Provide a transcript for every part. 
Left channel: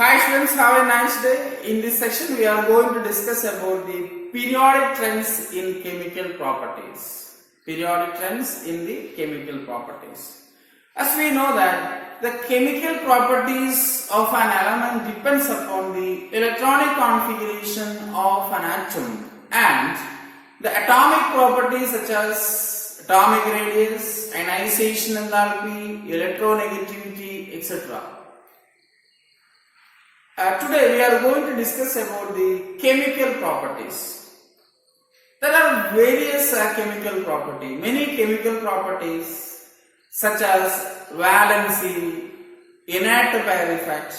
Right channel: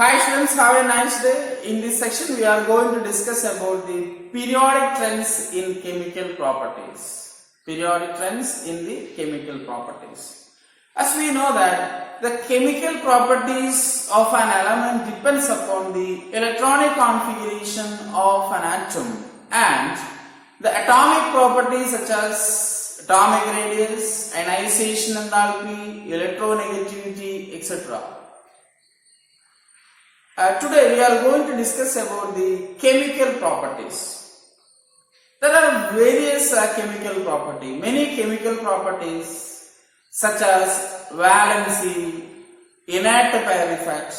Hi students, have a nice day. In this section we are going to discuss about the periodic trends in chemical properties. Periodic trends in the chemical properties. As we know that the chemical properties of an element depends upon the electronic configuration of an atom and the atomic properties such as atomic radius, ionization enthalpy, electronegativity, etc. Today we are going to discuss about the chemical properties. There are various chemical properties, many chemical properties such as valency, inert pair effect,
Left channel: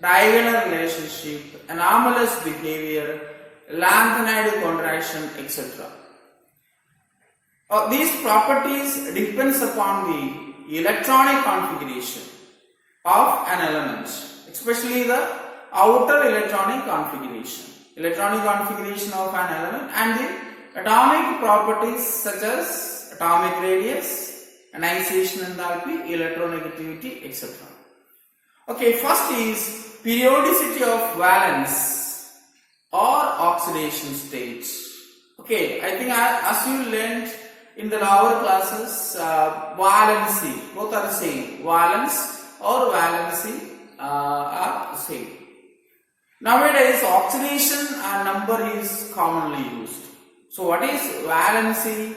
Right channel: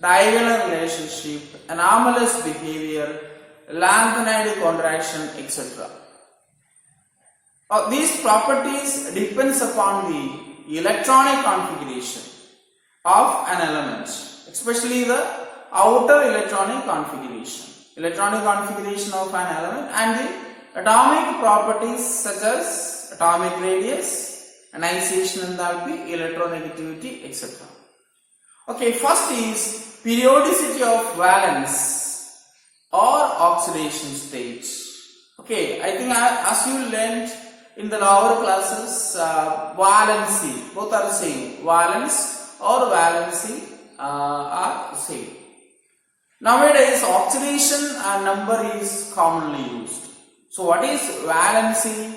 diagonal relationship, anomalous behavior, lengthened contraction, etc. These properties depends upon the electronic configuration of an element, especially the outer electronic configuration of an element, and the atomic properties such as atomic radius, ionization enthalpy, electronegativity, etc. Okay, first is periodicity of valence or oxidation state. Okay, I think as you learned in the lower classes, valency, both are same. Valence or valency are same. Nowadays, oxidation number is commonly used. So, what is valency?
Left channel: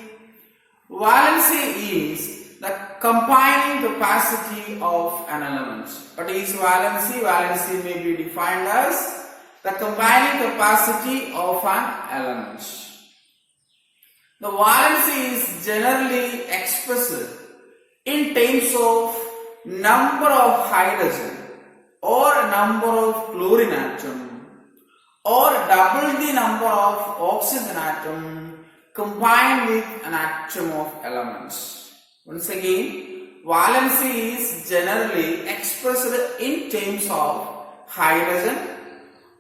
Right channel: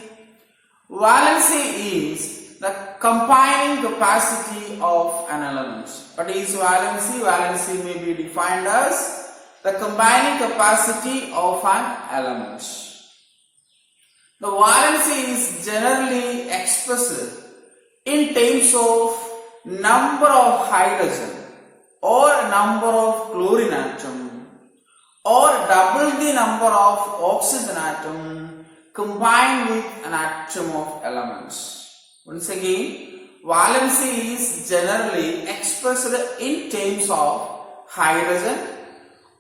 Valency is the combining capacity of an element. What is valency? Valency may be defined as the combining capacity of an element. The valency is generally expressed in terms of number of hydrogen or number of chlorine atom or double the number of oxygen atom combined with an atom of elements. Once again, valency is generally expressed in terms of hydrogen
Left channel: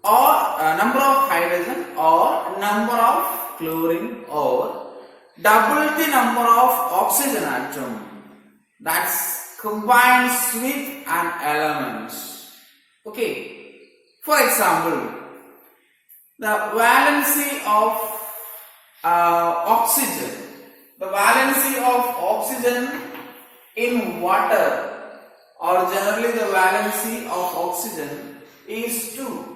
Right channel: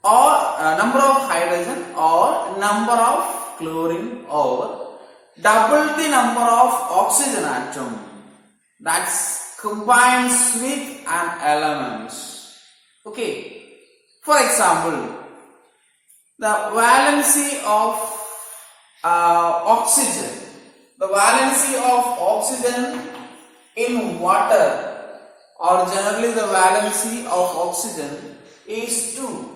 or number of hydrogen or number of chlorine or double the number of oxygen atom that's combines with an element. Okay, for example, the valency of oxygen, in water, or generally the valency of oxygen is 2.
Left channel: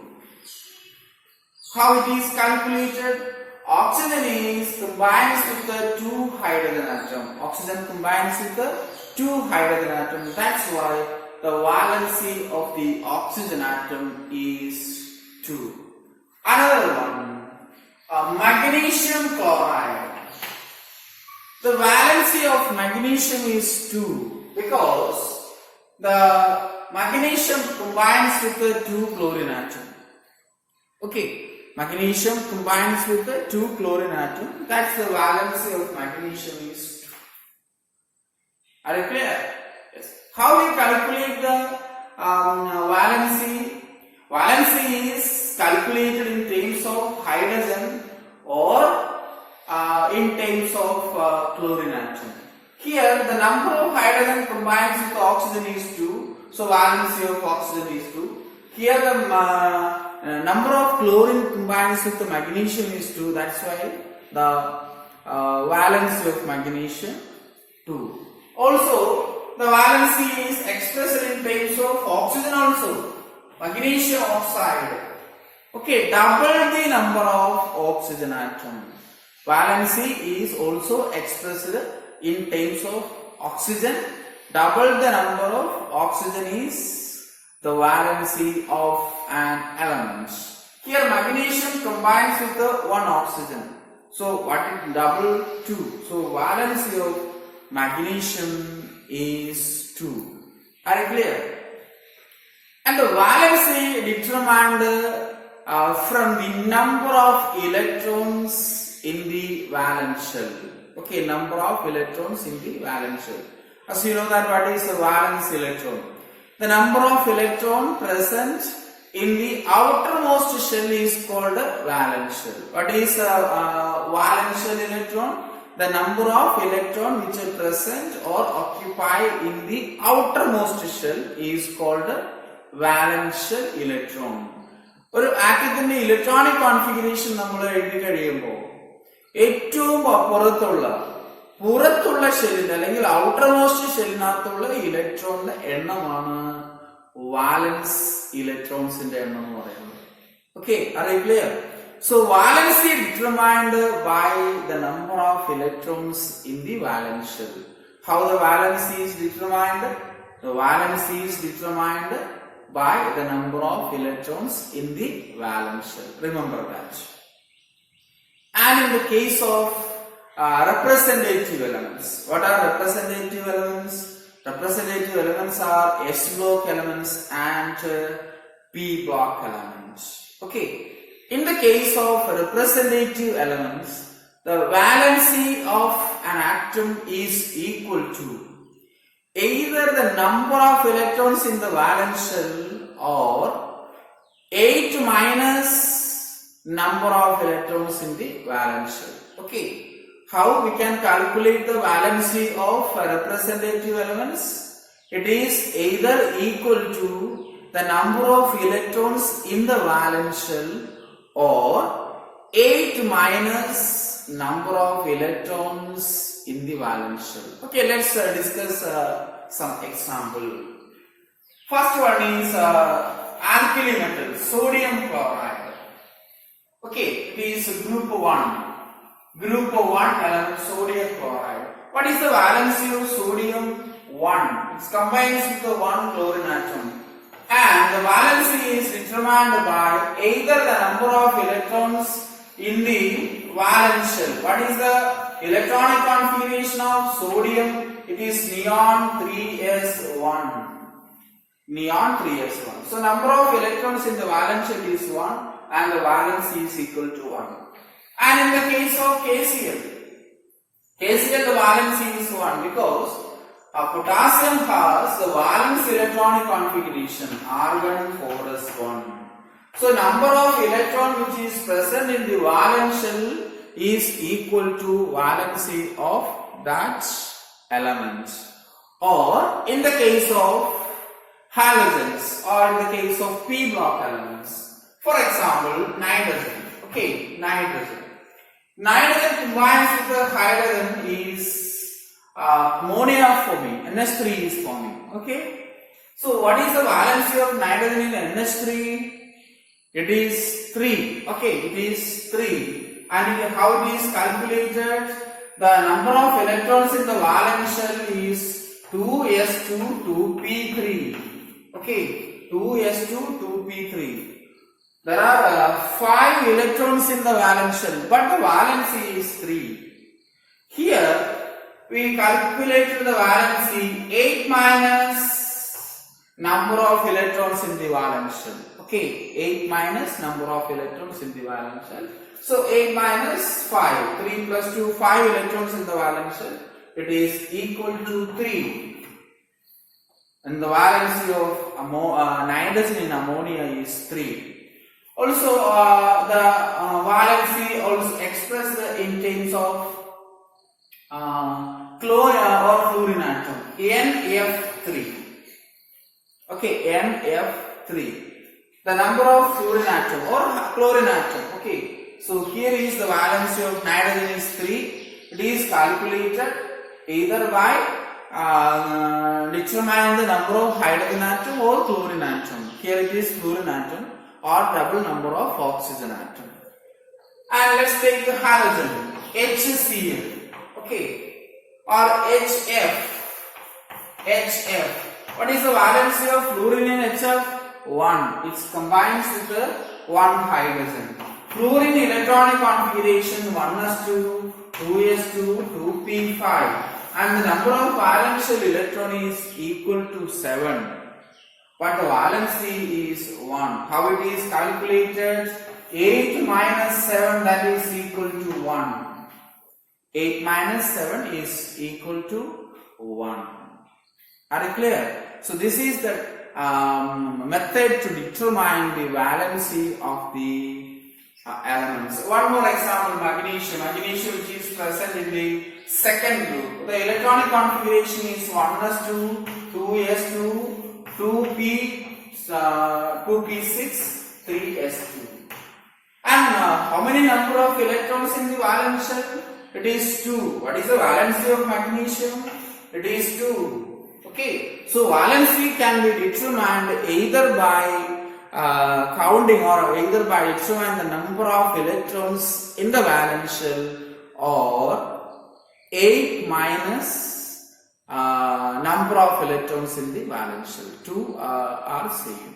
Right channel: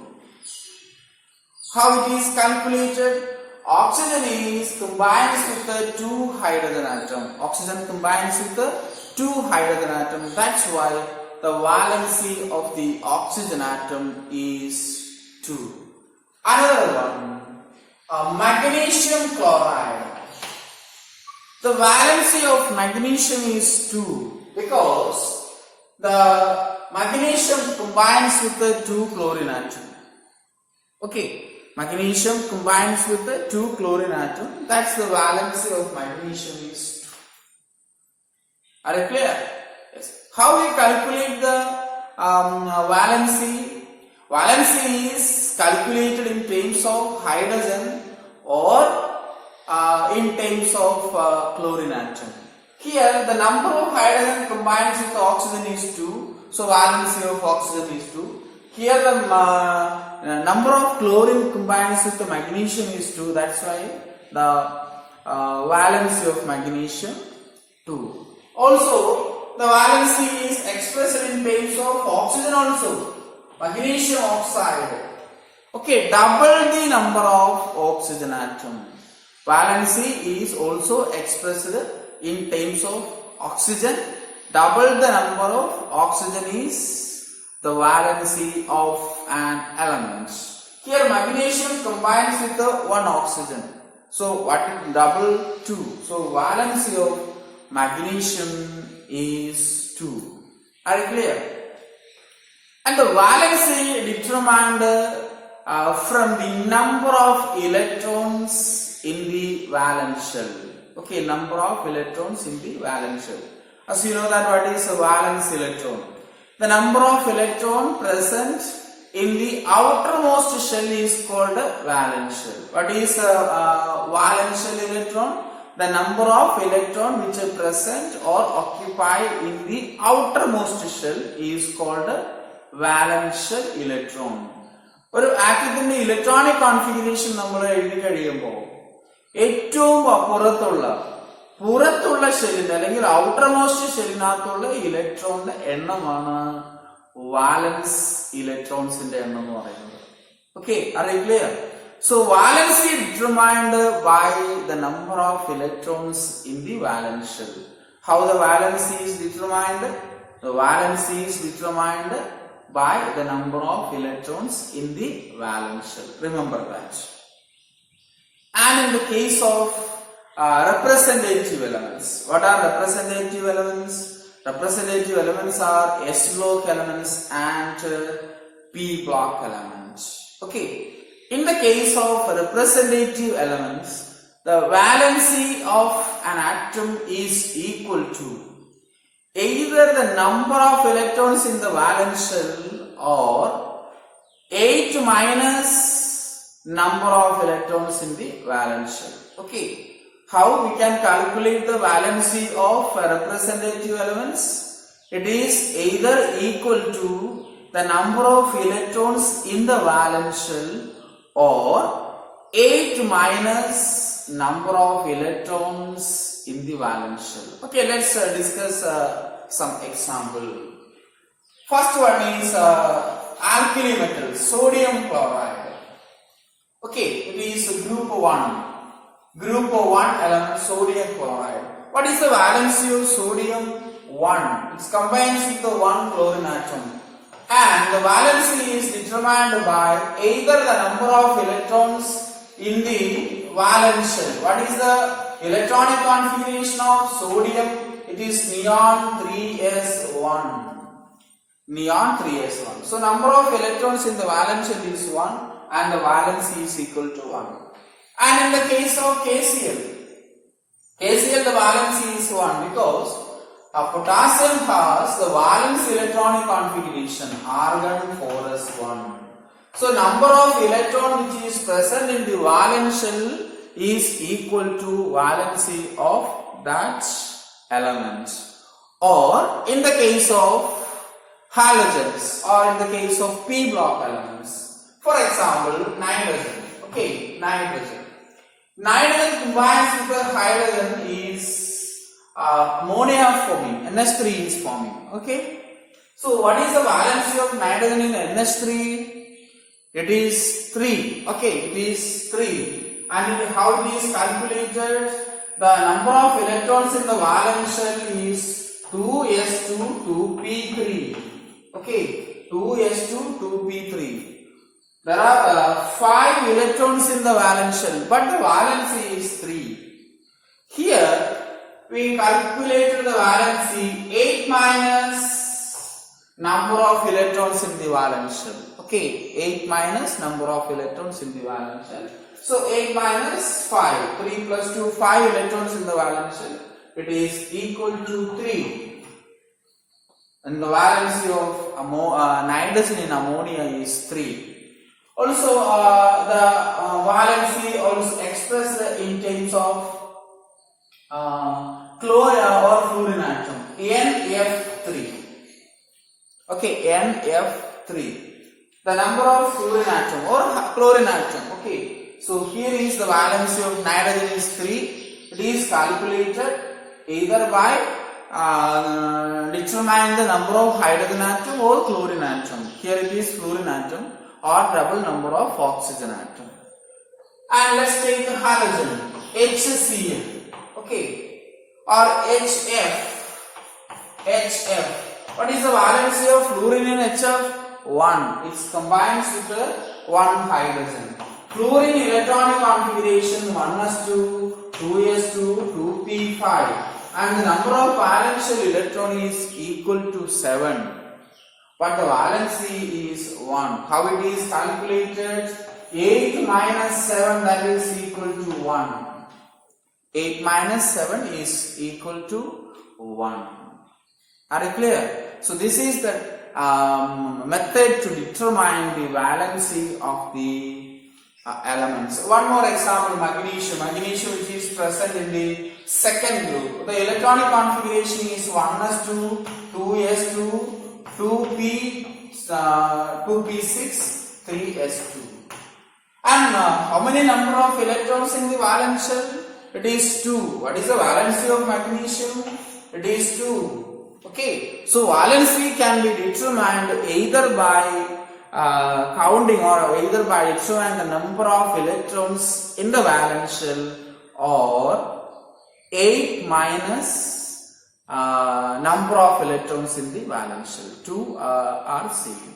How it is calculated? Oxygen is combines with the 2 hydrogen atom. Oxygen combines with the 2 hydrogen atom. That's why the valency of the oxygen atom is 2. Another one, magnesium chloride. The valency of magnesium is 2 because the magnesium combines with the 2 chlorine atom. Okay, magnesium combines with the 2 chlorine atom. That's the valency of magnesium is 2. Are you clear? Yes. How we calculate the valency? Valency is calculated in terms of hydrogen or in terms of chlorine atom. Here the number of hydrogen combines with the oxygen is 2. So valency of oxygen is 2. Here the number of chlorine combines with the magnesium is 2. That's why the valency of magnesium 2. Also, the valency is expressed in terms of oxygen also. Magnesium oxide. Okay, double the number of oxygen atom. Valency is also expressed in terms of oxygen. Double the number of oxygen is the valency of an element. Here magnesium combines with the 1 oxygen. So what is double? 2. So valency of magnesium is 2. Are you clear? And the valency determined from the number of electrons in the valence shell. Okay, number of electrons in the valence shell. As you know that what is a valence electron? The number of electron present in the outermost shell is called a valence shell. What is a valence shell electron? The number of electron which are present or occupy in the outermost shell is called a valence shell electron. ഒരു ആറ്റത്തിന്റെ electronic configuration നമ്മൾ എഴുതി കഴിയുമ്പോൾ ഏറ്റവും പുറത്തുള്ള ഷെല്ലിന്റെ അല്ലെങ്കിൽ outer most ഷെല്ലിനകത്തുള്ള ഇലക്ട്രോണിന്റെ എണ്ണമാണ് വാലൻസ് ഇലക്ട്രോൺസിന്റെ എണ്ണം എന്ന് പറയുന്നത്. Okay, are you clear? So valency determined by the number of electrons in the valence shell. How the valency is determined? The valency is determined by the number of electrons in the valence shell. Remember that. And in the case of representative elements, what are representative elements? Representative elements are S block elements and P block elements. Okay. In the case of representative elements, the valency of an atom is equal to either the number of electrons in the valence shell or 8 minus number of electrons in the valence shell. Okay. How we can calculate the valency of representative elements? It is either equal to the number of electrons in the valence shell or 8 minus number of electrons in the valence shell. Okay, let's discuss some example. First one is alkali metal, sodium chloride. Okay, it is group 1 element, sodium chloride. What is the valency of sodium? 1. It combines with the 1 chlorine atom. And the valency is determined by either the number of electrons in the valence shell. What is the electronic configuration of sodium? It is neon 3s1. Neon 3s1. So number of electrons in the valence shell is 1 and the valency is equal to 1. And in the case of KCl, the valency is 1 because potassium has the valence electronic configuration argon 4s1. So number of electron which is present in the valence shell is equal to valency of that element. Or in the case of halogens or in the case of P block elements, for example nitrogen. Okay, nitrogen combines with the hydrogen is ammonia forming, NH3 is forming. Okay, so what is the valency of nitrogen in NH3? It is 3. Okay, it is 3. And how it is calculated? The number of electrons in the valence shell is 2s2 2p3. Okay, 2s2 2p3. There are 5 electrons in the valence shell, but the valency is 3. Here we calculated the valency 8 minus number of electrons in the valence shell. Okay, 8 minus number of electrons in the valence shell. So 8 minus 5, 3 plus 2, 5 electrons in the valence shell. It is equal to 3. And the valency of nitrogen in ammonia is 3. Also, the valency also expressed in terms of chlorine or fluorine atom, NF3. Okay, NF3. The number of fluorine atom or chlorine atom. Okay, so here is the valency of nitrogen is 3. It is calculated either by determining the number of hydrogen atom or chlorine atom. Here it is fluorine atom or double number of oxygen atom. And let's take the halogen, HCl. Okay, or HF. What is the valency of fluorine in HF? 1. It combines with the 1 hydrogen. Fluorine electronic configuration 1s2, 2s2, 2p5. And the number of valence shell electron is equal to 7. But the valency is 1. How it is calculated? 8 minus 7, that is equal to 1. 8 minus 7 is equal to 1. Are you clear? So this is the method to determine the valency of the elements. One more example, magnesium. Magnesium which is present in the second group. The electronic configuration is 1s2, 2s2, 2p 2p6, 3s2. And how many number of electrons in the valence shell? It is 2. What is the valency of magnesium? It is 2. Okay. So valency can be determined either by counting or either by determining the number of electrons in the valence shell or 8 minus number of electrons in the valence shell. 2 are same.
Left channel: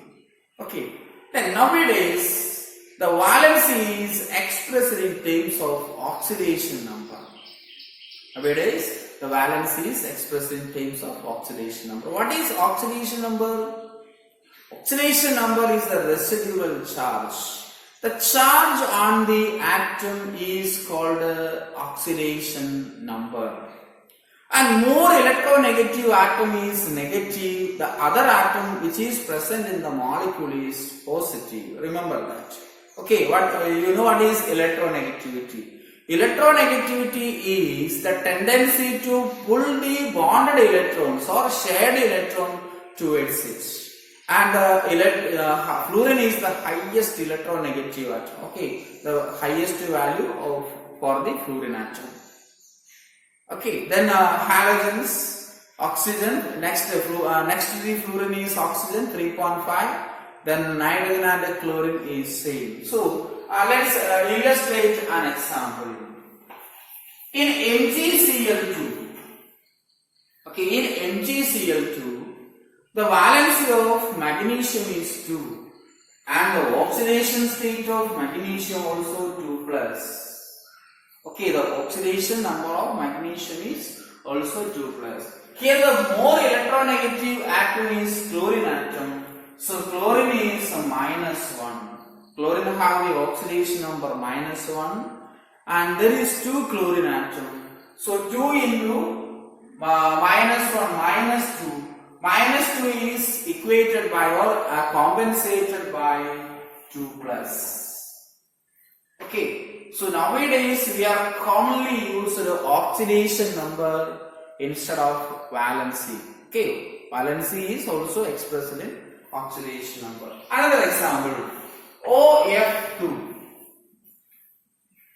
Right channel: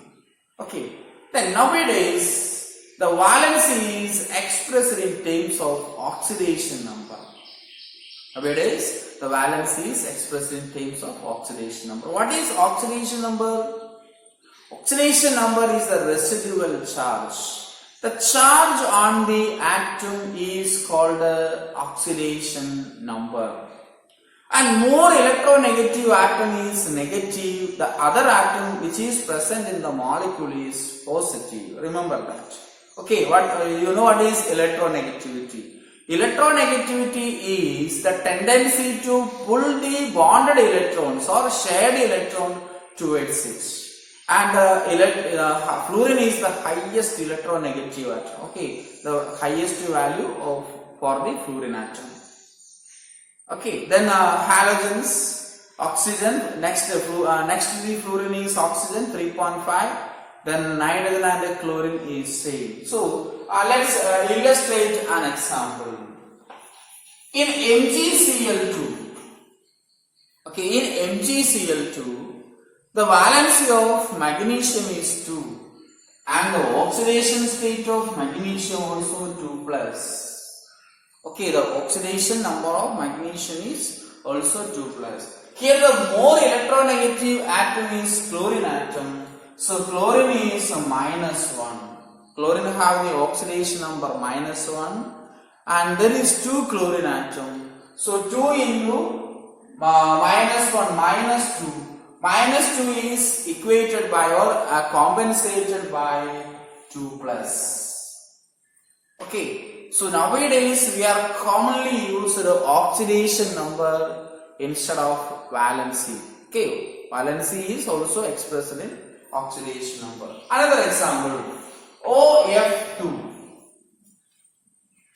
Okay. Then nowadays the valency is expressed in terms of oxidation number. Nowadays the valency is expressed in terms of oxidation number. What is oxidation number? Oxidation number is the residual charge. The charge on the atom is called oxidation number. And more electronegative atom is negative, the other atom which is present in the molecule is positive. Remember that. Okay, you know what is electronegativity? Electronegativity is the tendency to pull the bonded electrons or shared electron towards it. And fluorine is the highest electronegative atom. Okay, the highest value for the fluorine atom. Okay, then halogens, oxygen, next to the fluorine is oxygen 3.5, then nitrogen and chlorine is same. So let's illustrate an example. In MgCl2, okay, in MgCl2, the valency of magnesium is 2 and the oxidation state of magnesium also 2 plus. Okay, the oxidation number of magnesium is also 2 plus. Here the more electronegative atom is chlorine atom. So chlorine is minus 1. Chlorine have the oxidation number minus 1 and there is 2 chlorine atom. So 2 into minus 1 minus 2. Minus 2 is equated by or compensated by 2 plus. Okay, so nowadays we are commonly used oxidation number instead of valency. Okay, valency is also expressed in oxidation number. Another example, OF2.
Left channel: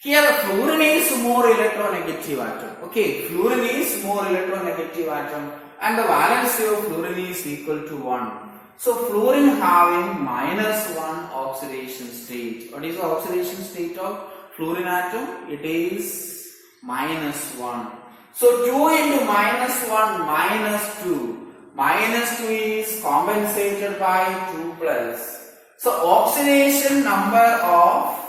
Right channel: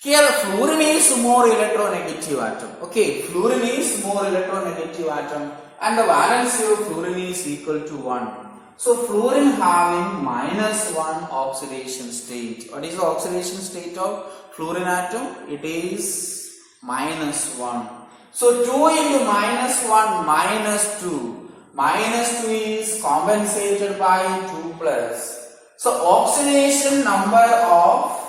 Here fluorine is more electronegative atom. Okay, fluorine is more electronegative atom and the valency of fluorine is equal to 1. So fluorine having minus 1 oxidation state. What is the oxidation state of fluorine atom? It is minus 1. So 2 into minus 1 minus 2. Minus 2 is compensated by 2 plus. So oxidation number of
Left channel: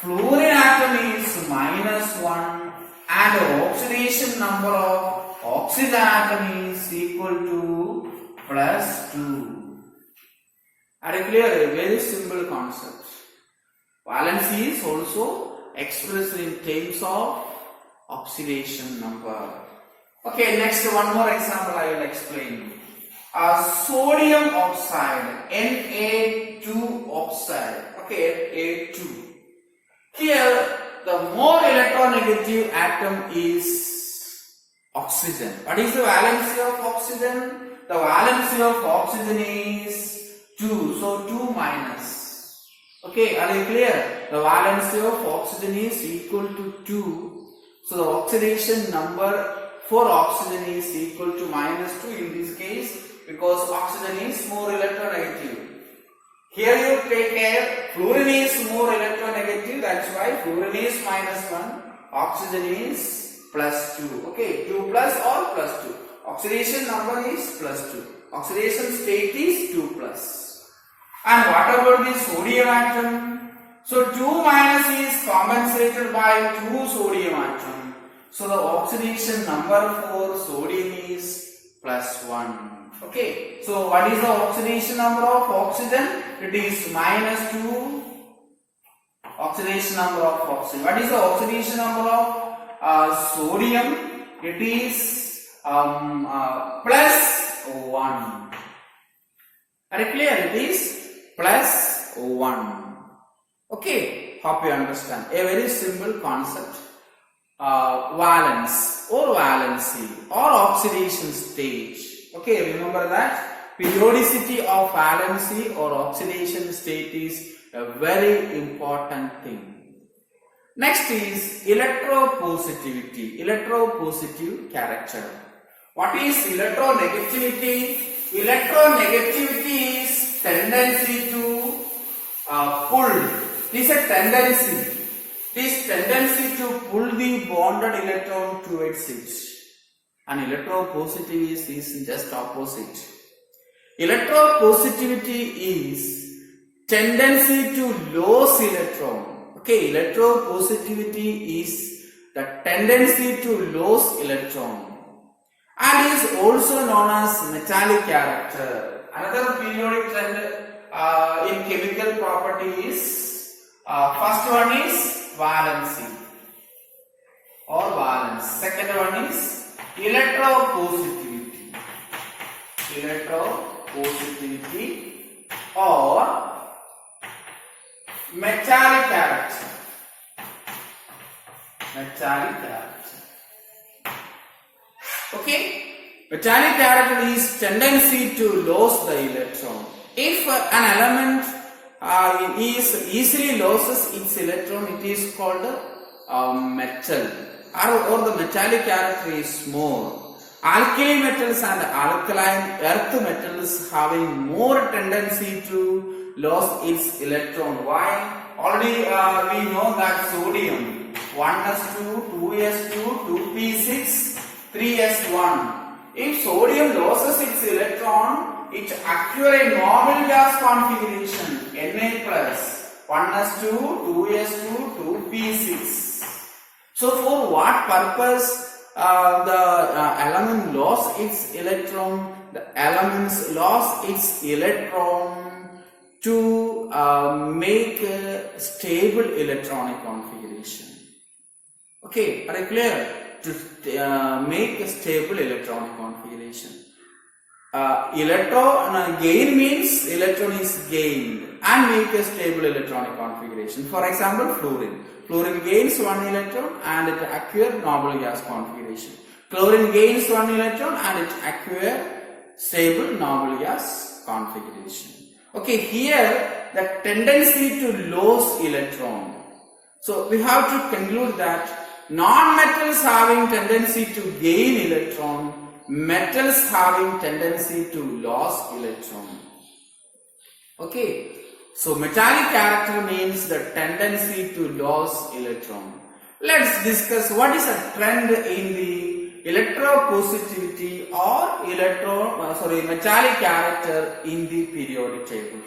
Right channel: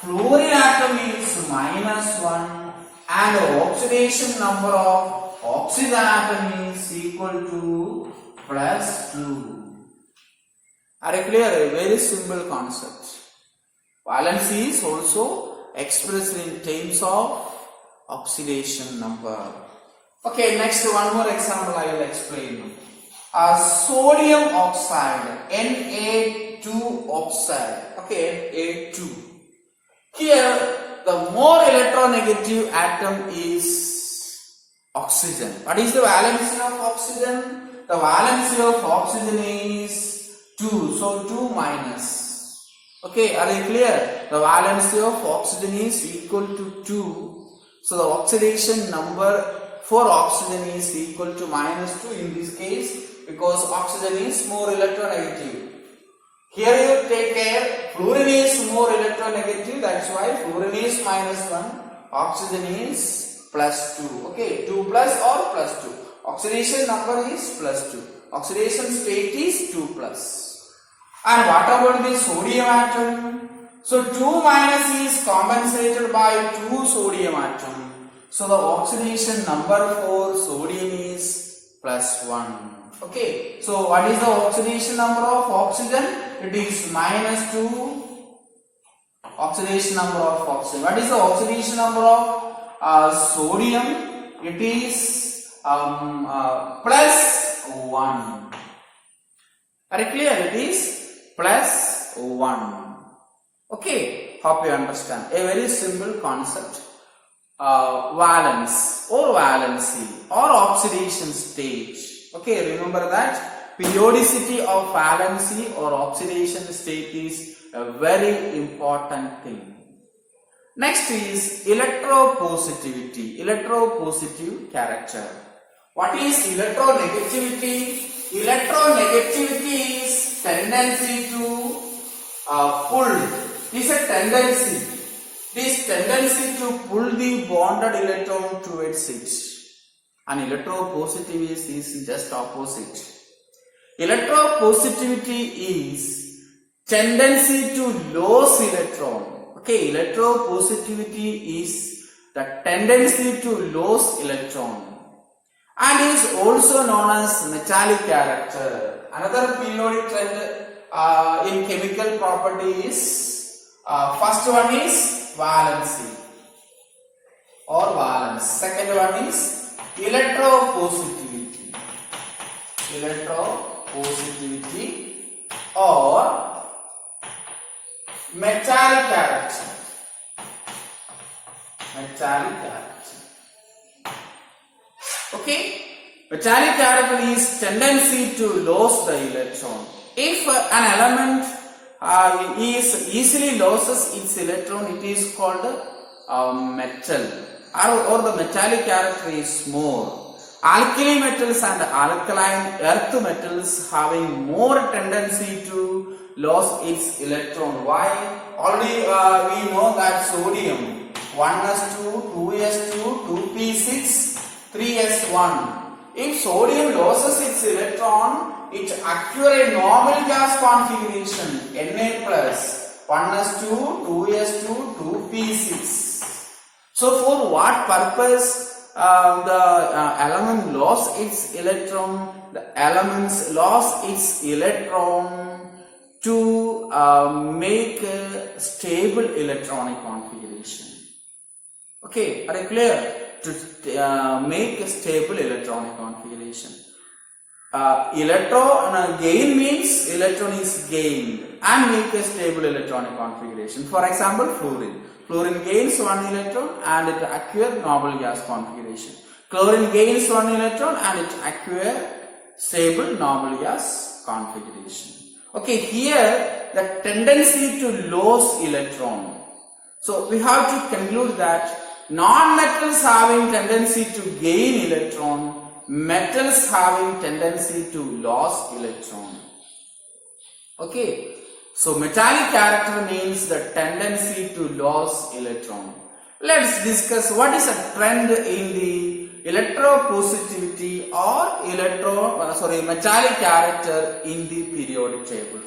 fluorine atom is minus 1 and the oxidation number of oxygen atom is equal to plus 2. Are you clear? A very simple concept. Valency is also expressed in terms of oxidation number. Okay, next one more example I will explain. Sodium oxide, Na2 oxide. Okay, Na2. Here the more electronegative atom is oxygen. What is the valency of oxygen? The valency of oxygen is 2. So 2 minus. Okay, are you clear? The valency of oxygen is equal to 2. So the oxidation number for oxygen is equal to minus 2 in this case because oxygen is more electronegative. Here you take care, fluorine is more electronegative, that's why fluorine is minus 1, oxygen is plus 2. Okay, 2 plus or plus 2. Oxidation number is plus 2. Oxidation state is 2 plus. And what about the sodium atom? So 2 minus is compensated by 2 sodium atom. So the oxidation number for sodium is plus 1. Okay, so what is the oxidation number of oxygen? It is minus 2. Oxidation number of oxygen. What is the oxidation number of sodium? It is plus 1. Are you clear? It is plus 1. Okay, hope you understand. A very simple concept. Valence or valency or oxidation state. Okay, remember that periodicity of valency or oxidation state is a very important thing. Next is electropositivity, electropositive character. What is electronegativity? Electronegativity is tendency to pull. It is a tendency. It is tendency to pull the bonded electron towards it. And electropositivity is just opposite. Electropositivity is tendency to lose electron. Okay, electropositivity is the tendency to lose electron and is also known as metallic character. Another periodic trend in chemical property is first one is valency or valence. Second one is electropositivity. Electropositivity or metallic character. Metallic character. Okay? Metallic character is tendency to lose the electron. If an element is easily loses its electron, it is called metal. Or the metallic character is more. Alkali metals and alkaline earth metals having more tendency to lose its electron. Why? Already we know that sodium 1s2, 2s2, 2p6, 3s1. If sodium loses its electron, it acquires a normal gas configuration Na plus 1s2, 2s2, 2p6. So for what purpose the element lost its electron? The elements lost its electron to make a stable electronic configuration. Okay, are you clear? To make a stable electronic configuration. Electron gain means electron is gained and make a stable electronic configuration. For example, fluorine. Fluorine gains one electron and it acquires noble gas configuration. Chlorine gains one electron and it acquires stable noble gas configuration. Okay, here the tendency to lose electron. So we have to conclude that non-metals having tendency to gain electron, metals having tendency to lose electron. Okay, so metallic character means the tendency to lose electron. Let's discuss what is a trend in the electropositivity or metallic character in the periodic table.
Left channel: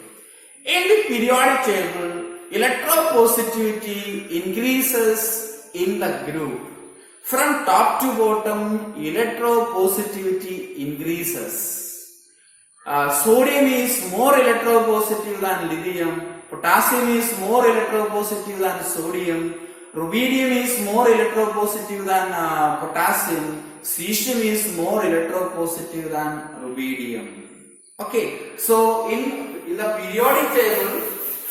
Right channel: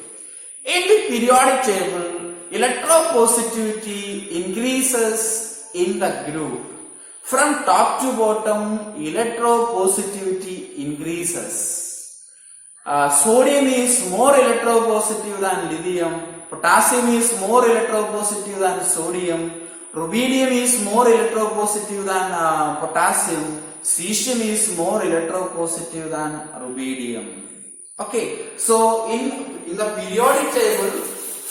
In the periodic table, electropositivity increases in the group. From top to bottom, electropositivity increases. Sodium is more electropositive than lithium. Potassium is more electropositive than sodium. Rubidium is more electropositive than potassium. Cesium is more electropositive than rubidium. Okay, so in the periodic table,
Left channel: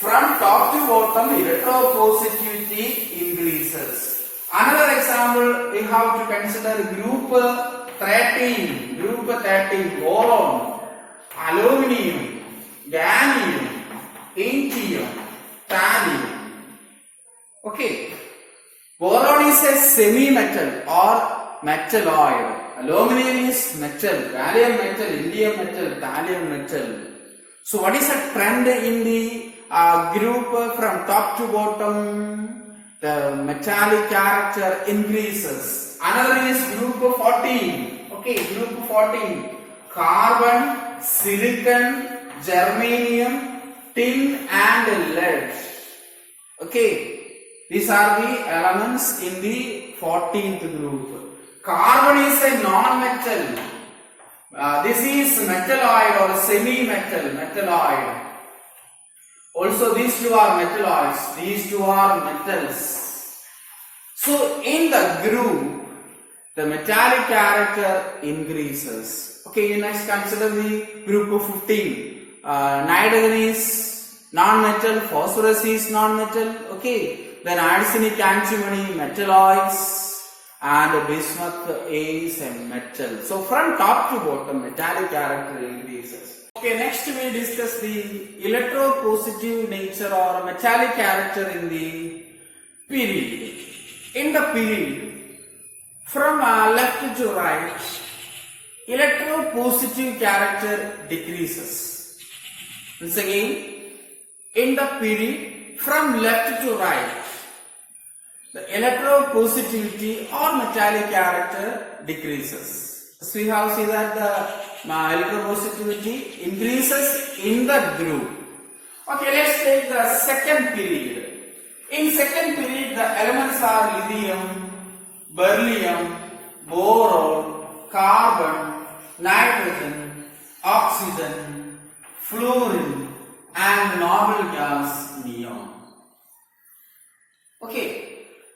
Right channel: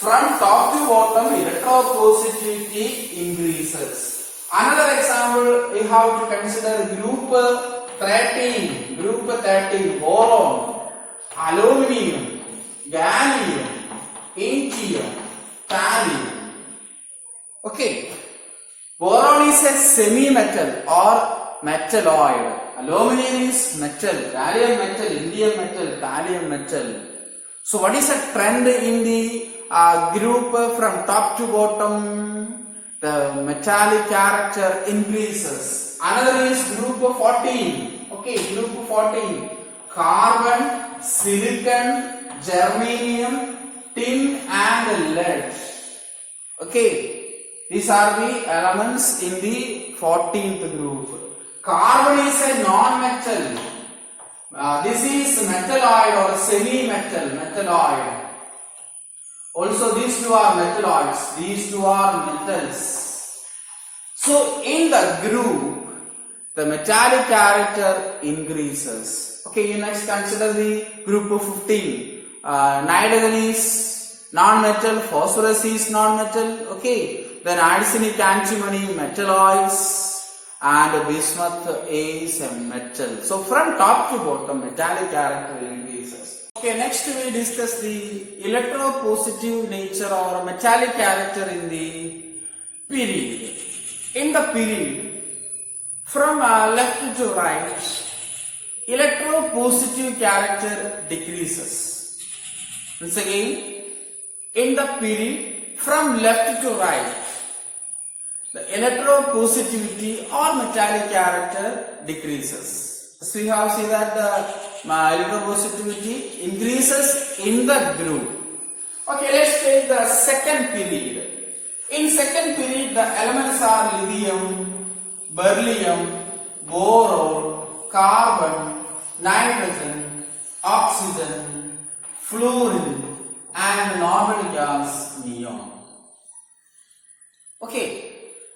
from top to bottom, electropositivity increases. Another example, we have to consider group 13. Group 13, boron, aluminium, gallium, indium, thallium. Okay. Boron is a semi-metal or metalloid. Aluminium is metal, gallium metal, indium metal, thallium metal. So what is a trend in the group from top to bottom? The metallic character increases. Another is group 14. Okay, group 14. Carbon, silicon, germanium, tin and lead. Okay, these are the elements in the 14th group. Carbon is a non-metal. This is metalloid or semi-metal, metalloid. Also these two are metalloids, these two are metals. So in the group, the metallic character increases. Okay, you next consider the group of 15. Nitrogen is non-metal, phosphorus is non-metal. Okay, then arsenic, antimony, metalloids, and bismuth is a metal. So from top to bottom, metallic character increases. Okay, next we discuss the electropositive nature or metallic character in the period. In the period, from left to right, electropositive character decreases. Once again, in the period, from left to right, the electropositivity or metallic character decreases. So we have seen that the electropositivity increases in the group. Okay, let's take the second period. In second period, the elements are lithium, beryllium, boron, carbon, nitrogen, oxygen, fluorine, and noble gas neon. Okay.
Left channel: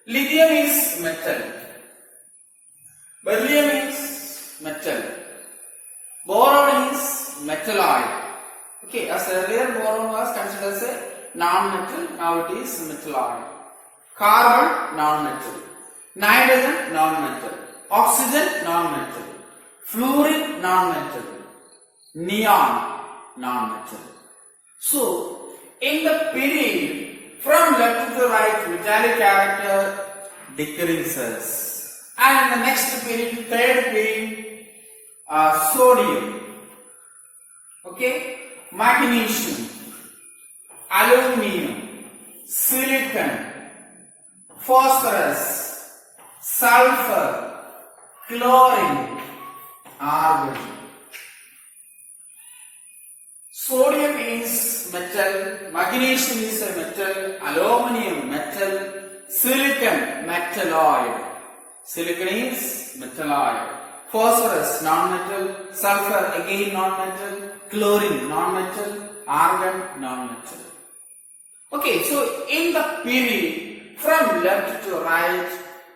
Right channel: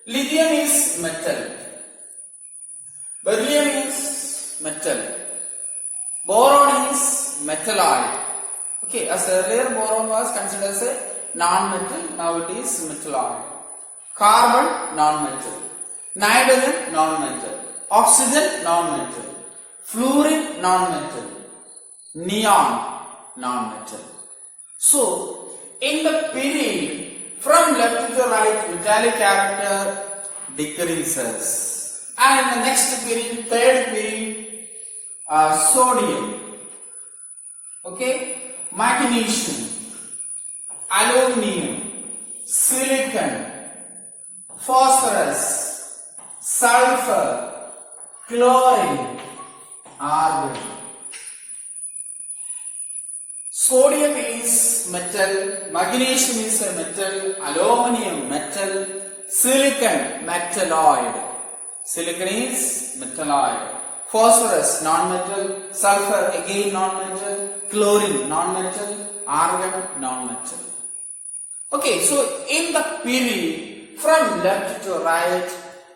Lithium is metal, beryllium is metal, boron is metalloid. Okay, as earlier boron was considered as a non-metal, now it is metalloid. Carbon, non-metal, nitrogen, non-metal, oxygen, non-metal, fluorine, non-metal, neon, non-metal. So, in the period from left to right, metallic character decreases. And in the next period, third period, sodium, okay, magnesium, aluminum, silicon, phosphorus, sulfur, chlorine, argon. Sodium is metal, magnesium is a metal, aluminum metal, silicon metalloid. Silicon is metalloid. Phosphorus non-metal, sulfur again non-metal, chlorine non-metal, argon non-metal. Okay, so in the period from left to right,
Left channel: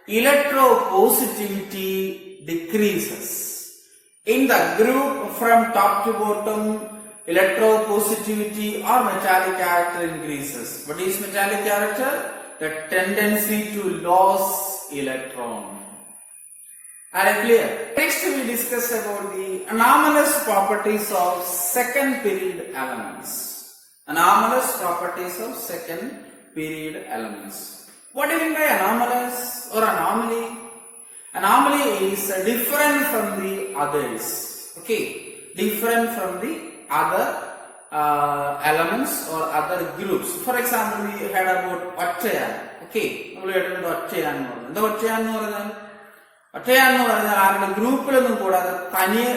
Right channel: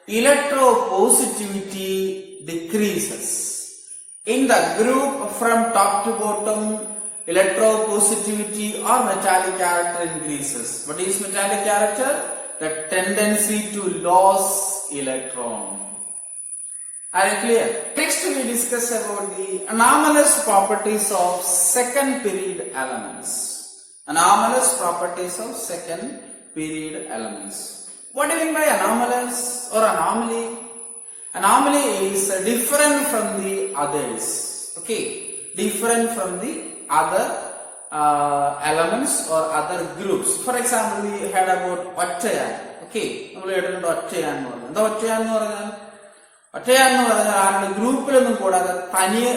electropositivity decreases. In the group from top to bottom, electropositivity or metallic character increases. What is metallic character? The tendency to lose electron. Are you clear? Next we discuss about the anomalous properties of second period elements. Anomalous properties of second period elements. What do you mean by anomalous or anomaly? Anomaly is different from the others. Okay, different from the other elements or other groups. For example, we heard about Ottayan. Okay, we heard about Ottayan. The Ottayan ഒറ്റയാന്ന് പറഞ്ഞാൽ ആരുടെ ഗ്രൂപ്പിലൊന്നും കൂടാതെ തനിയെ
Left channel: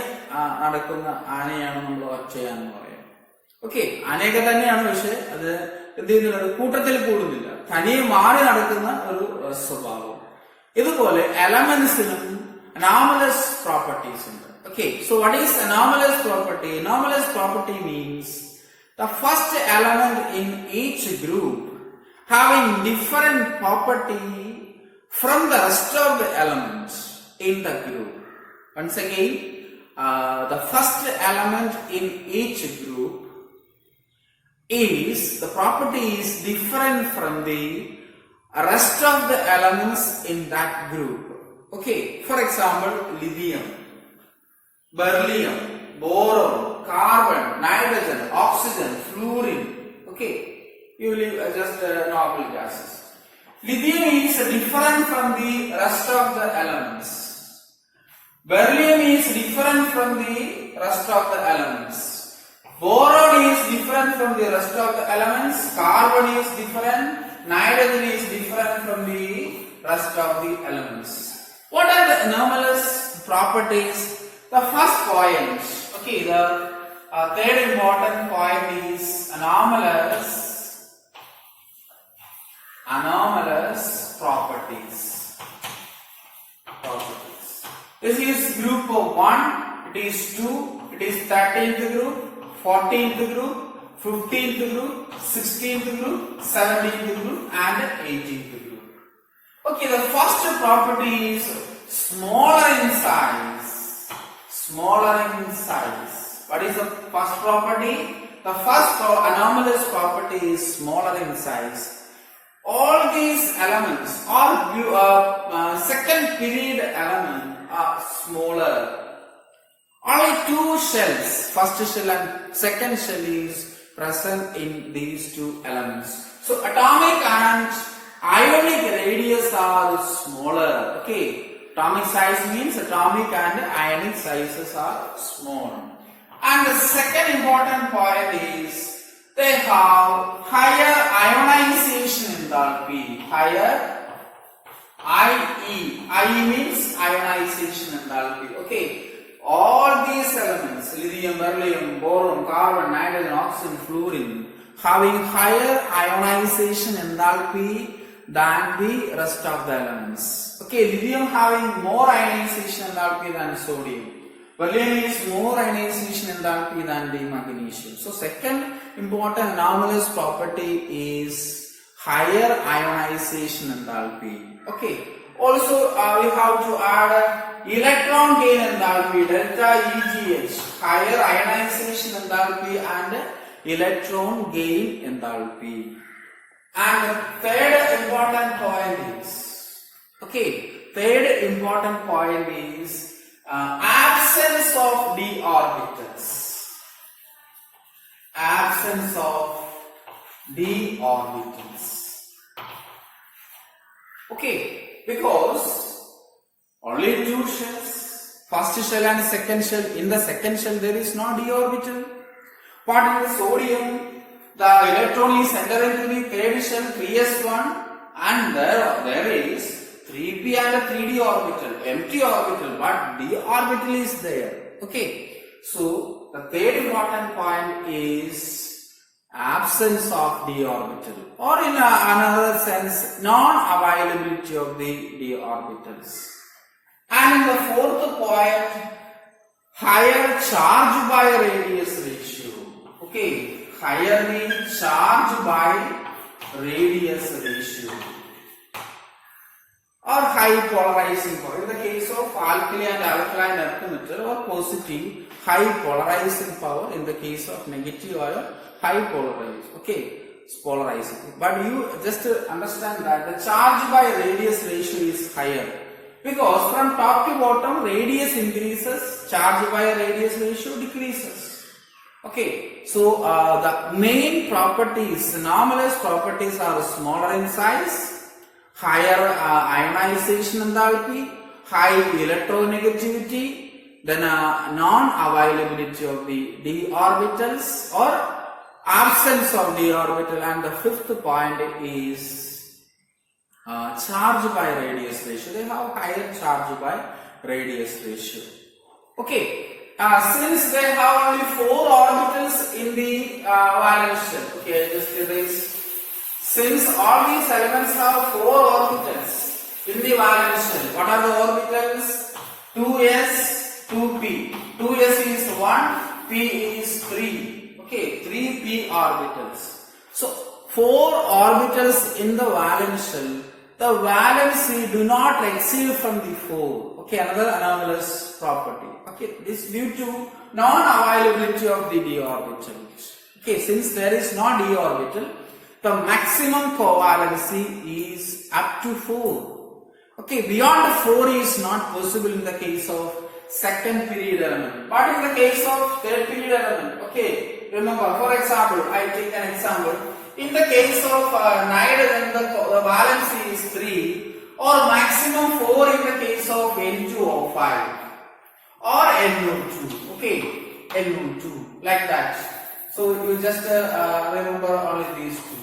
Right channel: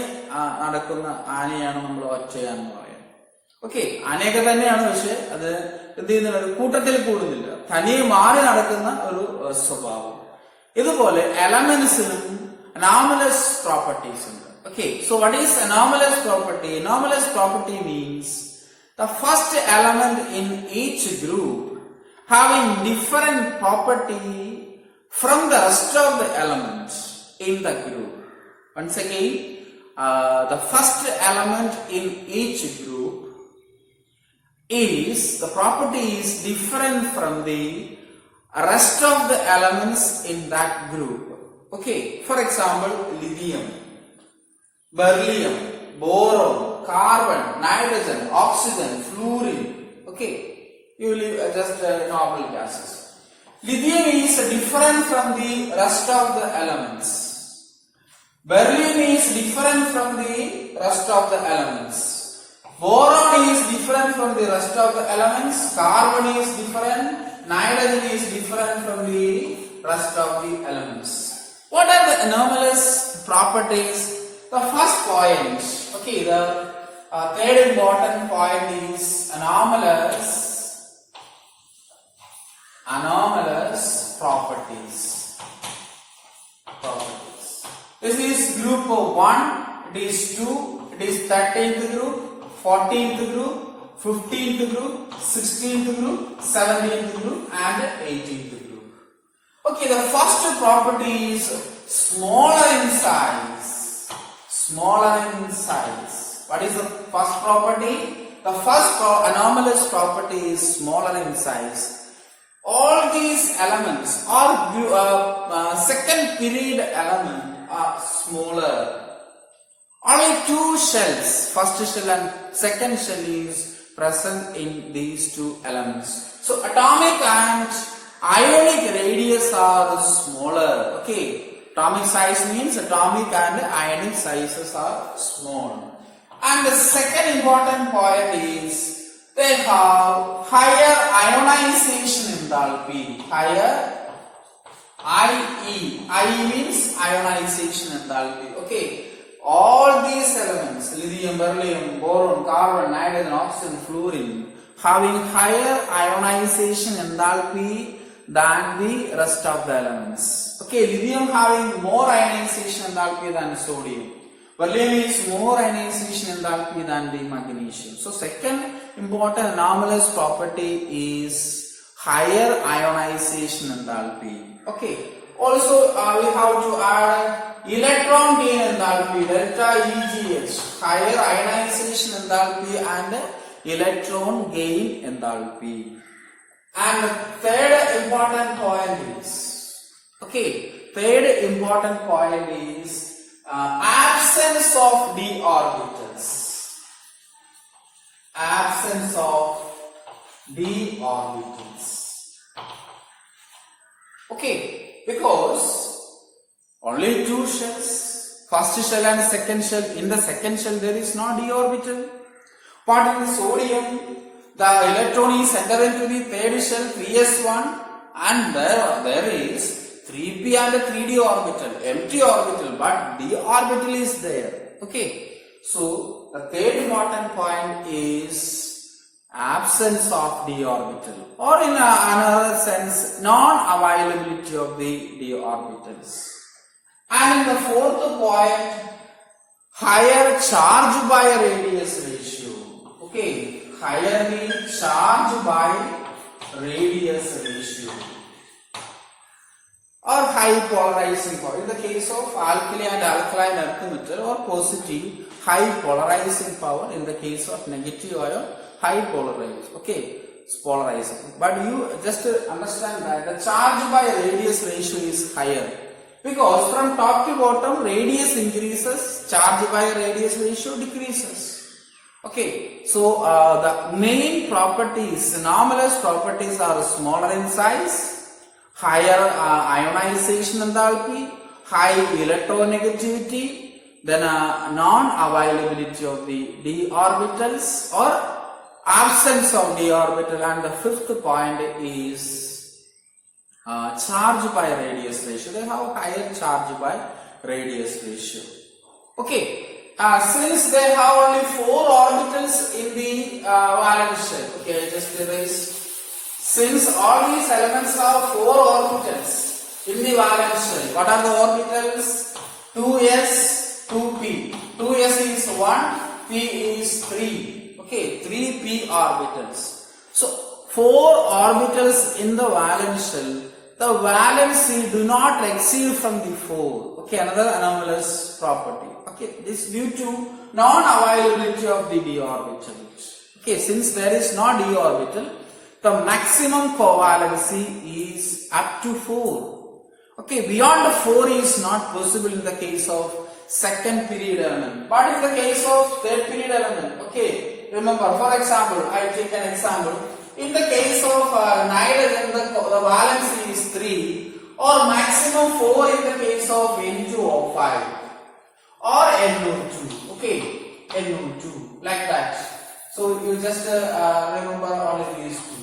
നടക്കുന്ന ആനയാണ് നമ്മൾ ഒറ്റയാന്ന് പറയുന്നത്. Okay, ആനയൊക്കെ തന്നെയാണ്, പക്ഷെ അത് എന്ത് ചെയ്യുന്നില്ല, ഒരു കൂട്ടത്തിൽ കൂടുന്നില്ല, തനിയെ മാറി നടക്കുന്ന ഒരു സ്വഭാവം. ഇതുപോലെ എലമെന്റ്സിനും അനോമലസ് പ്രോപ്പർട്ടീസ് ഉണ്ട്. Okay, so what is anomalous property? Anomalous property means the first element in each group having different property from the rest of the elements in the group. Once again, the first element in each group is, the property is different from the rest of the elements in that group. Okay, for example, lithium, beryllium, boron, carbon, nitrogen, oxygen, fluorine. Okay, you leave just normal gases. Lithium is different from the rest of the elements. Beryllium is different from the rest of the elements. Boron is different from the rest of the elements. Carbon is different. Nitrogen is different from the rest of the elements. What are the anomalous properties? The first point, okay, the third important point is anomalous properties. This is group of 1, it is 2, it is 13th group, 14th group, 15th group, 16th group, 17th group and 18th group. Okay, the first property is smaller in size. Smaller in size. What is the first property? The first anomalous property is smaller in size. All these elements or second period element are smaller. Only two shells, first shell and second shell, is present in these two elements. So atomic and ionic radius are smaller. Okay, atomic size means atomic and ionic sizes are small. And the second important point is they have higher ionization enthalpy. Higher IE. IE means ionization enthalpy. Okay. All these elements, lithium, beryllium, boron, carbon, nitrogen, oxygen, fluorine, having higher ionization enthalpy than the rest of the elements. Okay, lithium having more ionization enthalpy than sodium. Beryllium is more ionization enthalpy than the magnesium. So second important anomalous property is higher ionization enthalpy. Okay. Also we have to add electron gain enthalpy, delta EGH, higher ionization enthalpy and electron gain enthalpy. And the third important point is, absence of d orbitals. Absence of d orbitals. Okay. Because only two shells, first shell and second shell. In the second shell there is no d orbital. But in the sodium, the electron is entered into the third shell, 3s1, and there is 3p and 3d orbital, empty orbital, but d orbital is there. Okay. So the third important point is absence of d orbital, or in another sense, non-availability of the d orbitals. And in the fourth point, higher charge by radius ratio. Okay, higher the charge by radius ratio, or high polarizing power. In the case of alkali and alkaline earth metal, or positive high polarizing power. In the case of negative ion, high polarized. Okay, it's polarizing. But you just understand that the charge by radius ratio is higher, because from top to bottom radius increases, charge by radius ratio decreases. Okay, so the main properties, anomalous properties, are smaller in size, higher ionization enthalpy, high electronegativity, then non-availability of the d orbitals or absence of d orbital, and the fifth point is charge by radius ratio. They have higher charge by radius ratio. Okay. Since they have only 4 orbitals in the valence shell, okay, just erase. Since all these elements have 4 orbitals in the valence shell, what are the orbitals? 2s, 2p. 2s is 1, p is 3. Okay, 3p orbitals. So 4 orbitals in the valence shell. The valency do not exceed from the 4. Okay, another anomalous property. Okay, this due to non-availability of the d orbital. Okay, since there is no d orbital, the maximum covalency is up to 4. Okay, beyond 4 is not possible in the case of second period element. But in the case of third period element, okay, remember, for example, I take an example. In the case of nitrogen, the valency is 3, or maximum 4 in the case of N2O5 or NO2. Okay, NO2, like that. So you just remember only these two.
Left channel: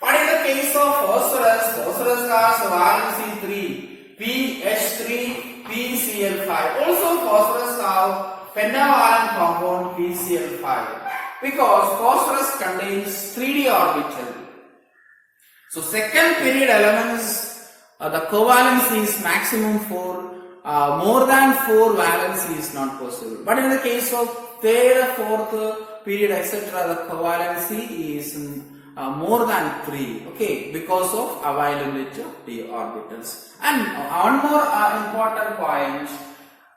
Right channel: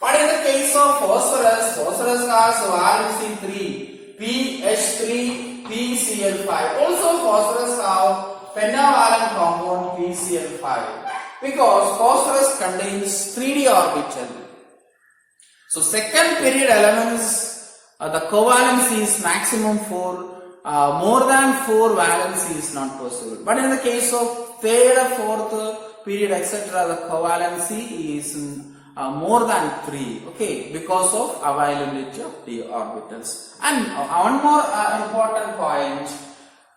But in the case of phosphorus, phosphorus has valency 3, PH3, PCl5. Also phosphorus have pentavalent compound PCl5. Because phosphorus contains 3d orbital. So second period elements, the covalency is maximum 4. More than 4 valency is not possible. But in the case of third, fourth period, etc., the covalency is more than 3. Okay, because of availability of d orbitals. And one more important point.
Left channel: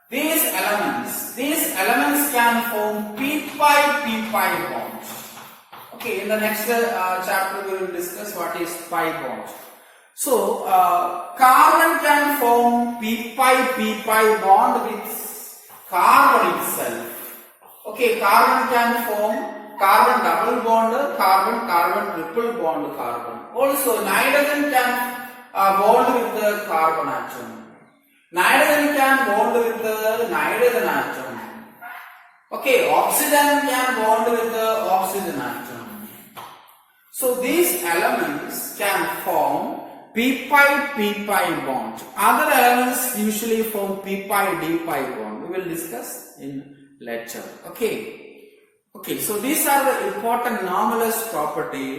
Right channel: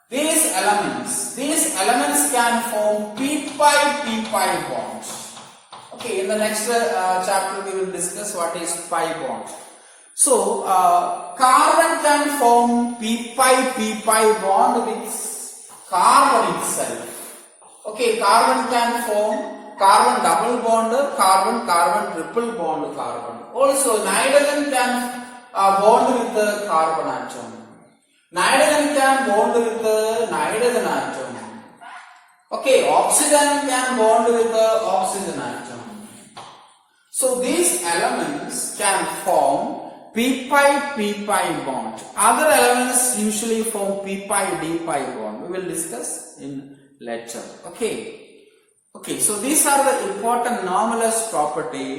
These elements can form p-pi bonds. Okay, in the next chapter we will discuss what is pi bond. So, carbon can form p-pi bond with carbon itself. Okay, carbon can form carbon double bond, carbon triple bond carbon. Also, nitrogen can bond with the carbon atom. Nitrogen can bond with the nitrogen atom. Okay, oxygen can bond with the oxygen atom. So these elements can form p-pi bond. Other elements usually form p-pi d-pi bond. We will discuss in later. Okay. So these are the important anomalous property.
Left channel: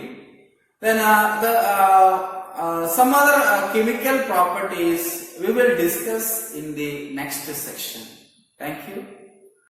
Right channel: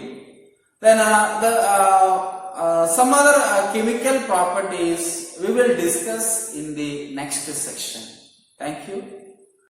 Then some other chemical properties we will discuss in the next section. Thank you.